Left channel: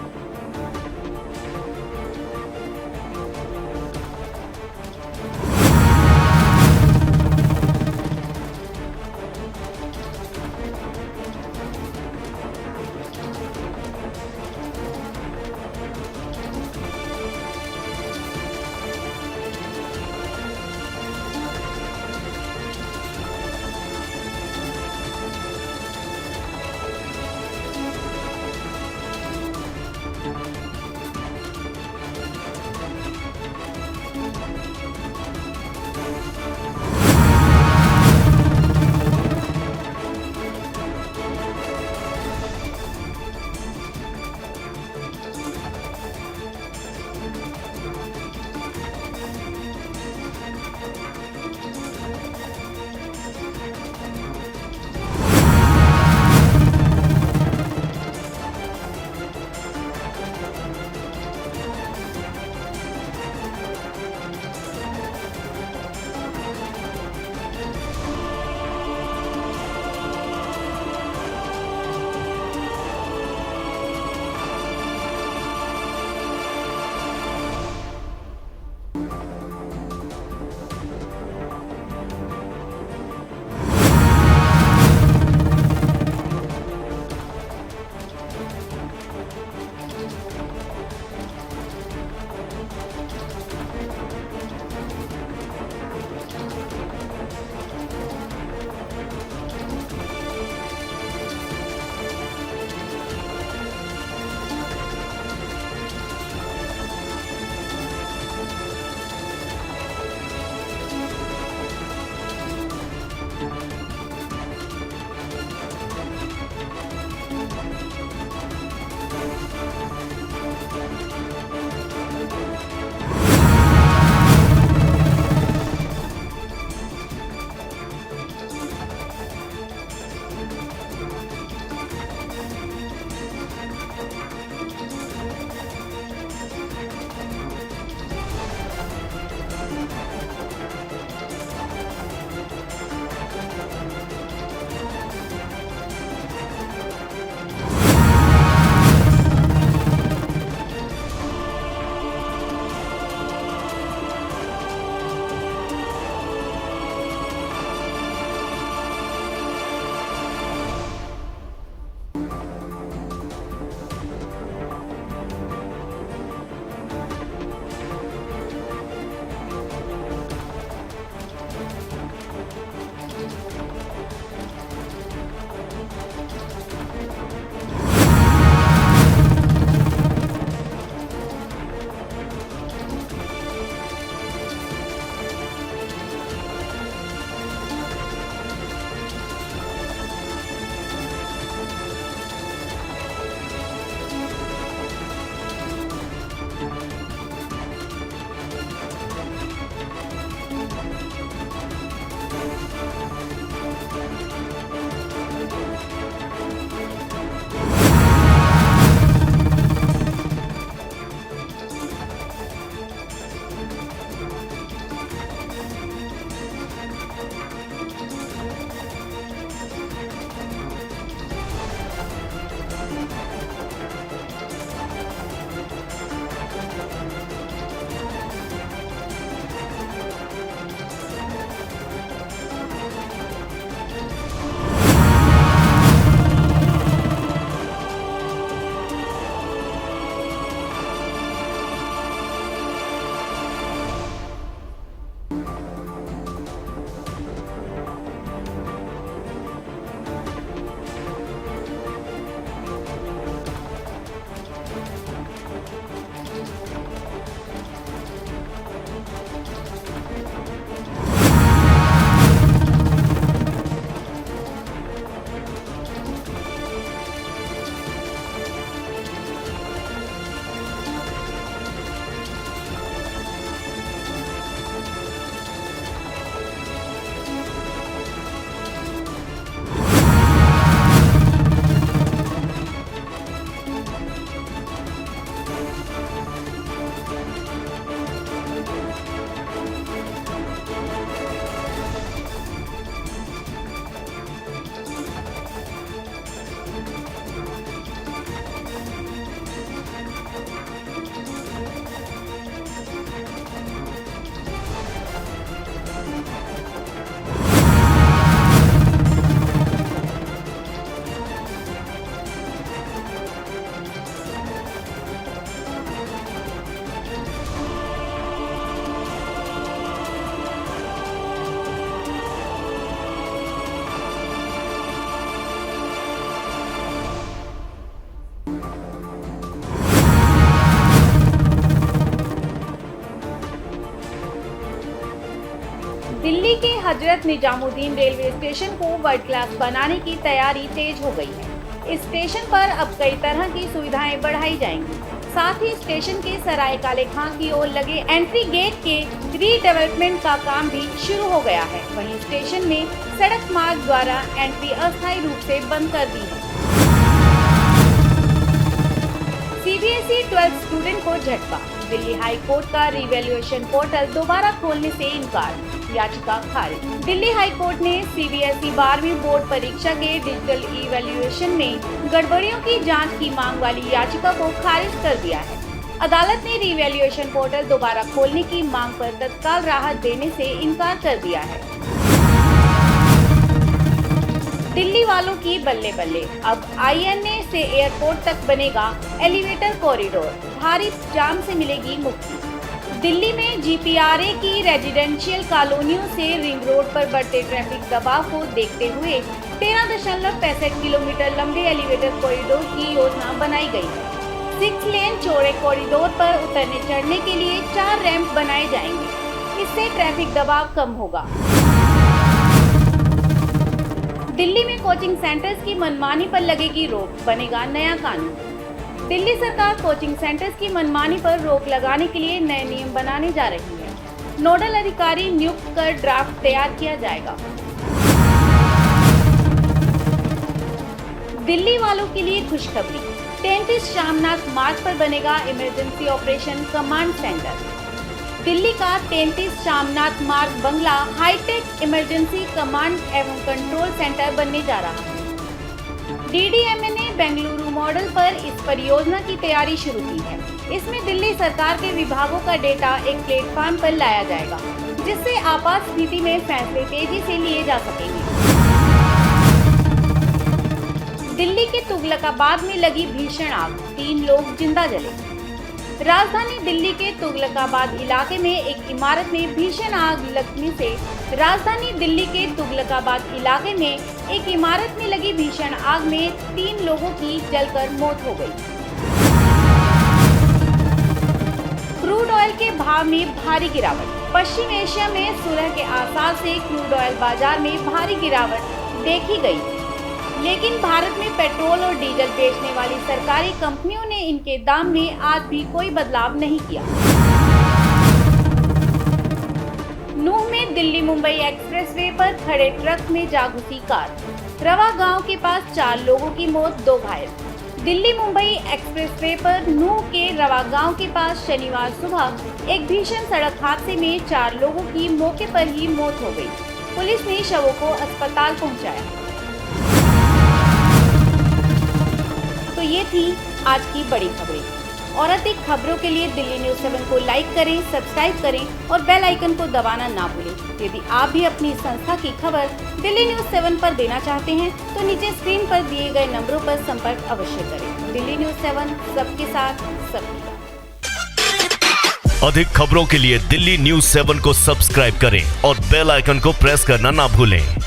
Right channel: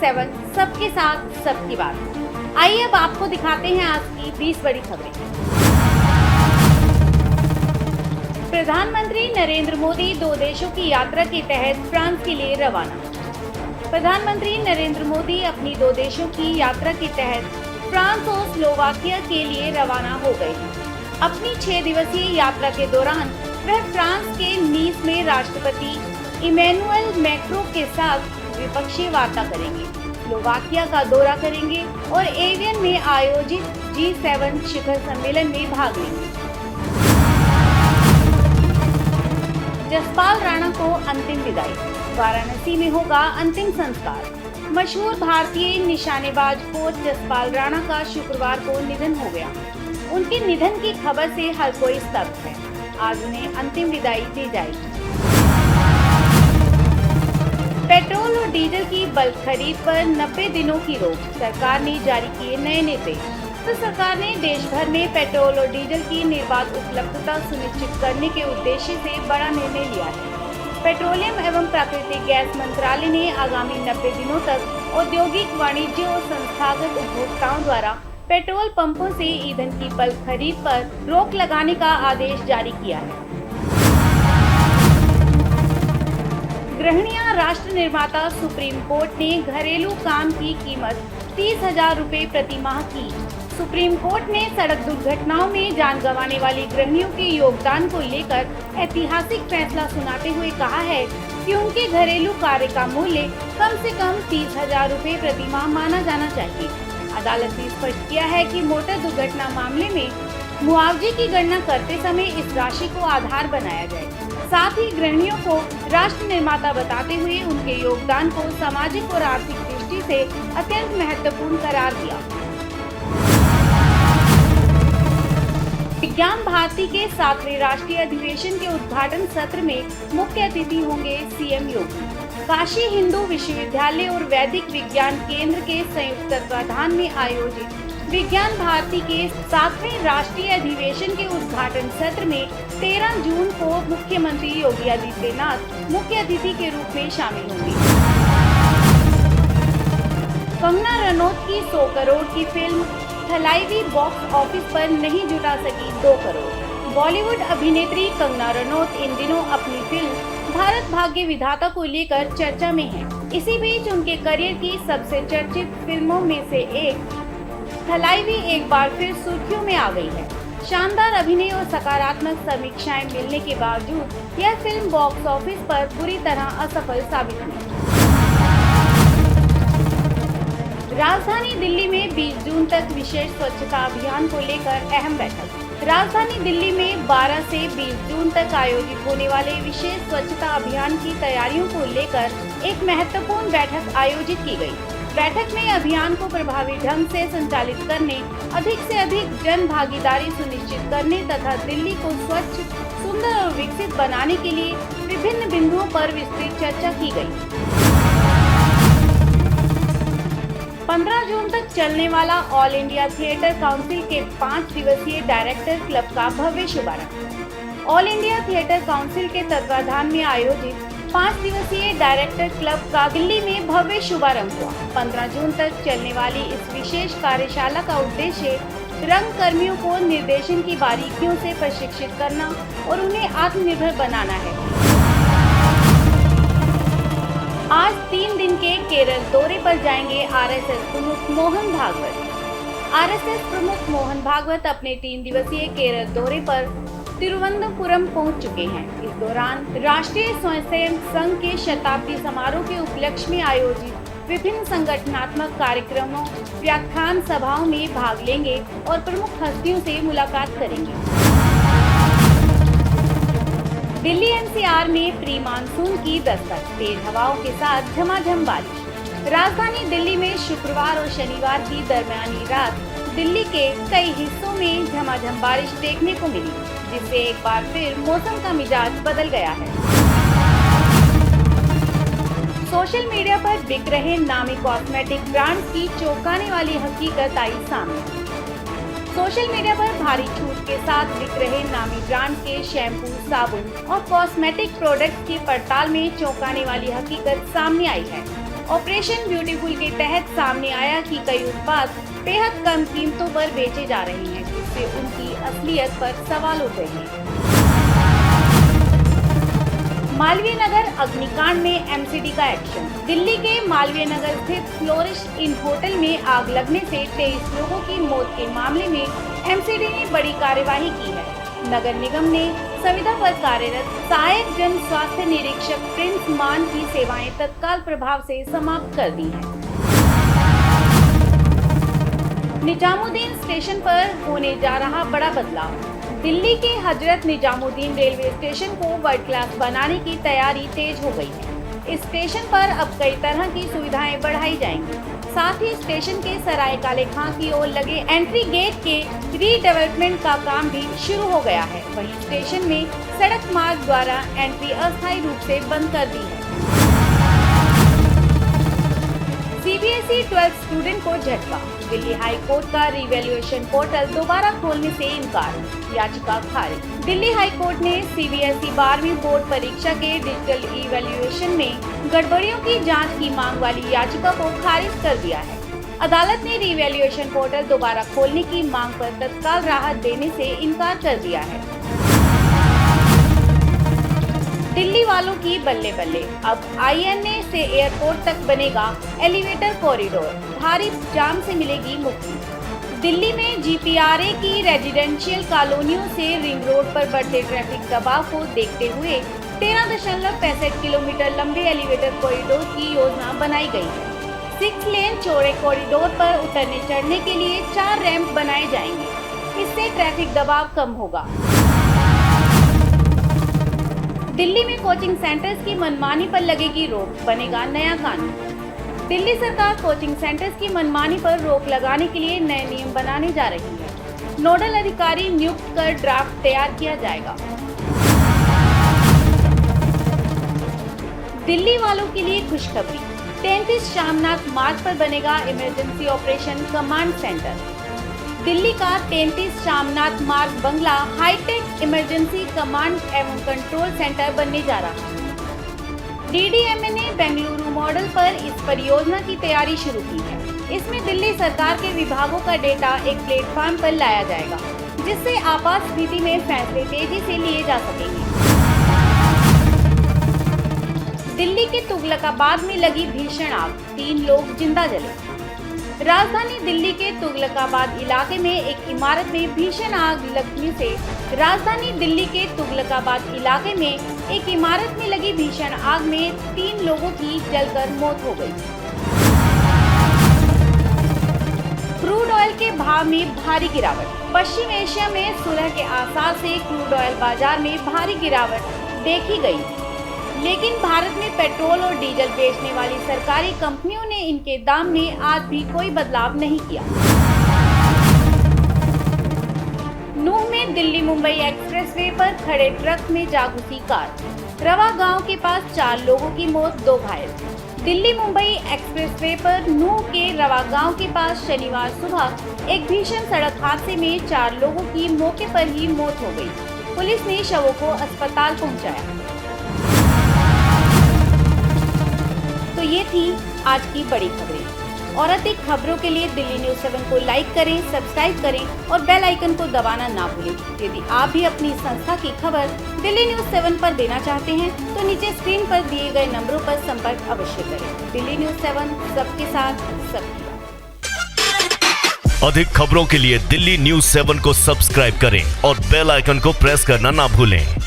G7 सबके साथ सबकी बात। आइए अब आपको दिखाते हैं आज की 20 बड़ी खबरें। प्रधानमंत्री नरेंद्र मोदी 2 देशों की यात्रा के तहत फ्रांस के लिए रवाना। प्रधानमंत्री नरेंद्र मोदी अपनी 2 देशों की यात्रा के तहत फ्रांस और स्लोवाकिया के लिए रवाना हो गए। अपनी 6 दिवसीय यात्रा के दौरान वह फ्रांस के नीस में राष्ट्रपति इमैनुअल मैक्रों के साथ द्विपक्षीय वार्ता करेंगे, स्लोवाकिया का दौरा करेंगे और एवियन में आयोजित G7 शिखर सम्मेलन में भाग लेंगे। जसपाल राणा को अंतिम विदाई, वाराणसी में होगा अंतिम संस्कार। मशहूर भारतीय निशानेबाज कोच जसपाल राणा का शुक्रवार को निधन हो गया। उनके निधन की खबर से हर कोई स्तब्ध है। आज उन्हें अंतिम विदाई दी जाएगी। पेट्रोल और डीजल की बल्क खरीद पर 90 दिनों की रोक, सरकार ने जारी किए नए निर्देश। तो सरकार ने देश भर में पेट्रोल और डीजल की निर्बाध उपलब्धता सुनिश्चित करने के उद्देश्य से बड़ा निर्णय लिया है। पेट्रोलियम एवं प्राकृतिक गैस मंत्रालय ने आगामी 90 दिनों तक औद्योगिक, वाणिज्य और संस्थागत उपभोक्ताओं द्वारा पेट्रोल पंपों से ईंधन की बल्क खरीद पर रोक लगाने का आदेश जारी किया है। गृहिणियां राष्ट्र निर्माता सुप्रीम कोर्ट ने घरेलू काम की कीमत 30,000 रुपए प्रति माह की। सुप्रीम कोर्ट ने सड़क दुर्घटनाओं में जान गंवाने वाली गृहिणियों के योगदान को लेकर ऐतिहासिक फैसला सुनाते हुए कहा है कि उनके घरेलू कार्य का मूल्य कम से कम 30,000 रुपए प्रति माह माना जाना चाहिए। अदालत ने स्पष्ट किया है कि मोटर दुर्घटना मामले में मुआवजे की गणना करते समय इस राशि को आधार बनाया जाए। साथ ही गृहिणियों को राष्ट्र निर्माता बताते हुए उनके योगदान को सामाजिक और आर्थिक दृष्टि से अत्यंत महत्वपूर्ण करार दिया। विज्ञान भारती के 7वें राष्ट्रीय अधिवेशन के उद्घाटन सत्र में मुख्य अतिथि होंगे सीएम योगी। काशी हिंदू विश्वविद्यालय और वैदिक विज्ञान केंद्र के संयुक्त तत्वाधान में आयोजित विज्ञान भारती के 7वें राष्ट्रीय अधिवेशन के उद्घाटन सत्र में 13 जून को मुख्यमंत्री योगी आदित्यनाथ मुख्य अतिथि के रूप में शामिल होंगे। कंगना रनौत की 100 करोड़ की फिल्म थलाइवी बॉक्स ऑफिस पर नहीं जुटा सकी 2 करोड़। बॉलीवुड अभिनेत्री कंगना रनौत इन दिनों अपनी फिल्म भारत भाग्य विधाता को लेकर चर्चा में है। इसी बीच उनके करियर की सबसे चर्चित फिल्मों में से एक थलाइवी एक बार फिर सुर्खियों में आ गई है। शानदार अभिनय और सकारात्मक समीक्षाएं मिलने के बावजूद यह फिल्म बॉक्स ऑफिस पर बुरी तरह असफल साबित हुई। राजधानी दिल्ली में 20 जून तक विशेष स्वच्छता अभियान को लेकर अहम बैठक। राजधानी दिल्ली में 12 से 20 जून तक आयोजित होने वाले विशेष स्वच्छता अभियान की तैयारियों को लेकर एक महत्वपूर्ण बैठक आयोजित की गई। बैठक में अभियान को प्रभावी ढंग से संचालित करने, अधिक से अधिक जन भागीदारी सुनिश्चित करने तथा दिल्ली को स्वच्छ, सुंदर और विकसित बनाने के लिए विभिन्न बिंदुओं पर विस्तृत चर्चा की गई। 15 जून तक चलने वाला ऑल इंडिया थिएटर काउंसिल के 5 दिवसीय डायरेक्टर क्लब का भव्य शुभारंभ। ऑल इंडिया थिएटर काउंसिल के तत्वाधान में आयोजित 5 दिवसीय डायरेक्टर क्लब का दिल्ली में भव्य शुभारंभ हुआ। 15 जून तक चलने वाली इस विशेष कार्यशाला का उद्देश्य रंग कर्मियों को निर्देशन की बारीकियों से प्रशिक्षित करना और उन्हें आत्मनिर्भर बनाना है। आज 3 दिन के केरल दौरे पर जाएंगे आरएसएस प्रमुख मोहन भागवत। आरएसएस प्रमुख मोहन भागवत अपने 3 दिवसीय केरल दौरे पर तिरुवनंतपुरम पहुंच चुके हैं। इस दौरान राष्ट्रीय स्वयंसेवक संघ के शताब्दी समारोह के उपलक्ष्य में आयोजित विभिन्न संगठनात्मक कार्यक्रमों, व्याख्यान सभाओं में भाग लेंगे और प्रमुख हस्तियों से मुलाकात करेंगे। दिल्ली एनसीआर में प्री मानसून की दस्तक, तेज हवाओं के साथ झमाझम बारिश। राजधानी दिल्ली में शुक्रवार और शनिवार की दरमियानी रात दिल्ली के कई हिस्सों में झमाझम बारिश देखने को मिली, जिससे एक बार फिर मौसम का मिजाज बदल गया है। सोशल मीडिया पर बिक रहे नामी कॉस्मेटिक ब्रांड की चौंकाने वाली हकीकत आई सामने। सोशल मीडिया पर भारी छूट के साथ बिक रहे नामी ब्रांड के शैम्पू, साबुन और कॉस्मेटिक प्रोडक्ट्स की पड़ताल में चौंकाने वाली हकीकत सामने आई है। ऑपरेशन ब्यूटीफुल के तहत सामने आया कि कई उत्पाद बेहद कम कीमतों पर बेचे जा रहे हैं, जिससे उनकी असलियत पर सवाल उठे हैं। मालवीय नगर अग्निकांड में एमसीडी का एक्शन। दिल्ली के मालवीय नगर स्थित फ्लोरिस्ट इन होटल में आग लगने से 23 लोगों की मौत के मामले में एमसीडी ने बड़ी कार्यवाही की है। नगर निगम ने संविदा पर कार्यरत सहायक जन स्वास्थ्य निरीक्षक प्रिंस मान की सेवाएं तत्काल प्रभाव से समाप्त कर दी हैं। निजामुद्दीन स्टेशन पर होने जा रहा बड़ा बदलाव। दिल्ली के हजरत निजामुद्दीन रेलवे स्टेशन को वर्ल्ड क्लास बनाने की तैयारी तेज हो गई है। इस स्टेशन पर अब कई तरह की सुविधाएं बढ़ाई जाएंगी। साथ ही स्टेशन के सराय काले खां की ओर लगे एंट्री गेट के रीडेवलपमेंट का काम भी शुरू हो गया है। वहीं स्टेशन में सड़क मार्ग द्वारा एंट्री अस्थायी रूप से बंद कर दी है। सीबीएसई 12th स्टूडेंट को झटका। दिल्ली हाई कोर्ट का रिवैल्यूएशन पोर्टल दोबारा खोलने से इनकार, याचिका खारिज। दिल्ली हाई कोर्ट ने सीबीएसई 12वीं बोर्ड परीक्षा के डिजिटल इवैल्यूएशन में गड़बड़ियों की जांच की मांग वाली याचिका को खारिज कर दिया है। अदालत ने रिवैल्यूएशन पोर्टल दोबारा खोलने की मांग पर तत्काल राहत देने से इनकार कर दिया है। दिल्ली वालों की बल्ले बल्ले। अब आईएनए से एयरपोर्ट तक बनेगा एलिवेटर कॉरिडोर, भारी जाम से मिलेगी मुक्ति। दिल्ली में जीपीआरए की रेजिडेंशियल कॉलोनियों से रिंग रोड पर बढ़ते ट्रैफिक दबाव को देखते हुए 13.65 किलोमीटर लंबे एलिवेटर कॉरिडोर की योजना बनाई गई है। 6 लेन चौड़े कॉरिडोर पर उतरने चढ़ने के लिए 4 रैंप बनाए जाएंगे। इससे ट्रैफिक दबाव कम होगा। दिल्ली में कोचिंग सेंटर्स की मनमानी पर लगेगी रोक, बनेगा नया कानून। दिल्ली सरकार कोचिंग सेंटर्स की मनमानी पर रोक लगाने के लिए नए नियम बनाने जा रही है। नोडल अधिकारी नियुक्त कर ड्राफ्ट तैयार किया जाएगा। दिल्ली वालों के लिए खुशखबरी। 33 शामनाथ मार्ग पर बनेगा emergency operation command centre. Delhi का 33 शामनाथ मार्ग बंगला हाईटेक इमरजेंसी कमांड एवं कंट्रोल सेंटर बनने जा रहा है। डीडीएमए ने बेंगलुरु मॉडल पर इस परियोजना की तैयारी शुरू की है। इसमें दिल्ली सरकार के विभागों का डेटा एक प्लेटफॉर्म पर लाया जाएगा, जिससे आपात स्थिति में फैसले तेजी से लिए जा सकेंगे। दिल्ली के तुगलकाबाद में लगी भीषण आग, 3 लोग जिंदा जले। राजधानी दिल्ली के तुगलकाबाद इलाके में एक इमारत में भीषण आग लगने से लगी भीषण आग में 3 लोगों की जलकर मौत हो गई। क्रूड ऑयल के भाव में भारी गिरावट। पश्चिम एशिया में सुलह के आसार से क्रूड ऑयल बाजार में भारी गिरावट देखी गई, लेकिन भारत में पेट्रोल और डीजल बेचने वाली सरकारी कंपनियों ने इनके दाम में आज भी कोई बदलाव नहीं किया। नूह में दिल्ली मुंबई एक्सप्रेसवे पर खड़े ट्रक में जा घुसी कार। रवा गांव के पास 4 लोगों की मौत, 2 घायल। दिल्ली मुंबई एक्सप्रेसवे पर नूह के रवा गांव के पास शनिवार सुबह एक भीषण सड़क हादसे में 4 लोगों की मौके पर ही मौत हो गई। पुलिस ने शवों को अस्पताल पहुंचाया। तो ये थी आज की बड़ी खबरें। और अधिक खबरों के लिए दिल्ली न्यूज़ 7 को लाइक करें, सब्सक्राइब करें और बेल आइकन को दबाना ना भूलें। यदि आप भी अपनी संस्था की खबर दिल्ली न्यूज़ 7 पर देना चाहते हैं तो नीचे स्क्रीन पर दिए गए नंबरों पर संपर्क अवश्य करें। दिल्ली न्यूज़ 7 सबके साथ, सबकी बात। अधिक खबरों के लिए दिल्ली न्यूज़ 7 को सब्सक्राइब करें और बेल आइकन को प्रेस करना ना भूलें।